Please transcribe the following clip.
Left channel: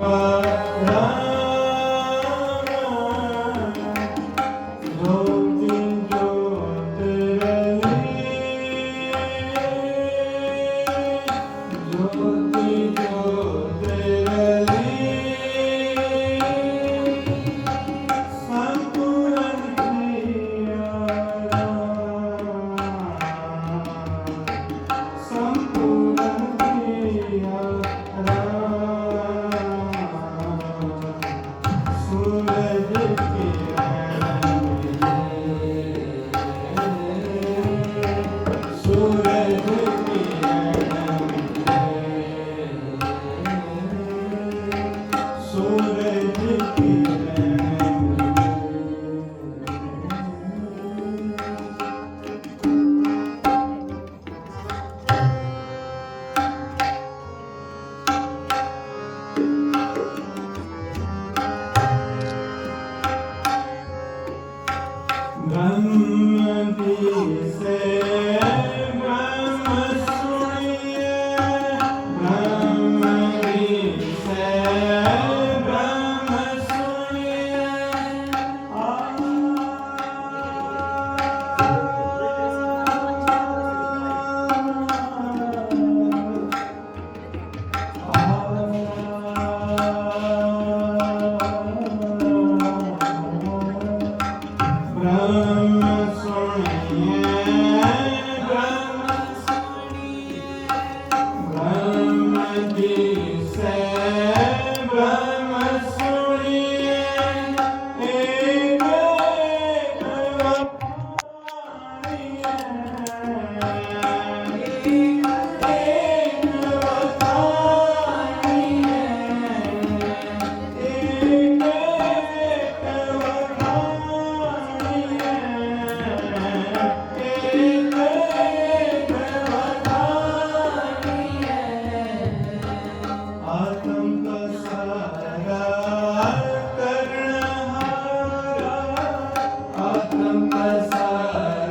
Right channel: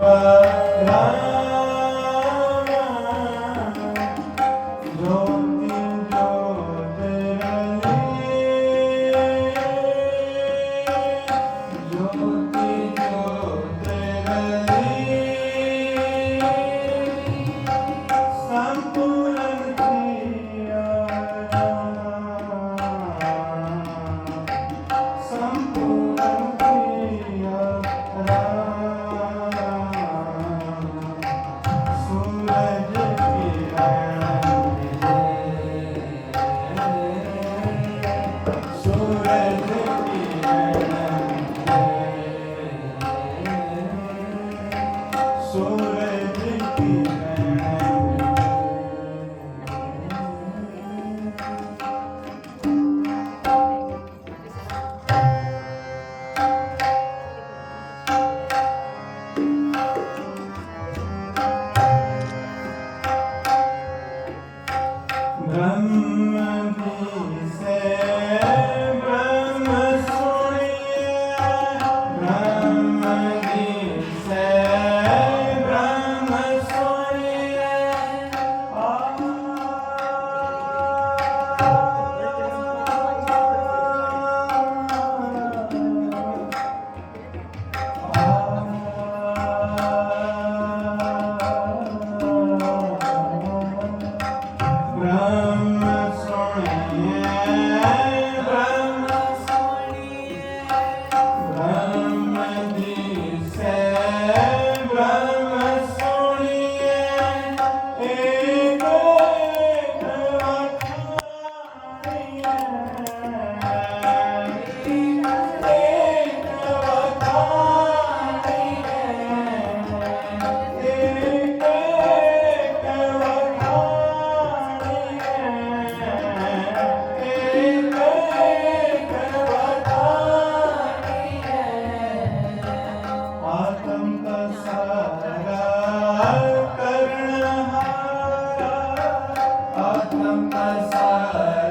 Ram. Dhamma. Say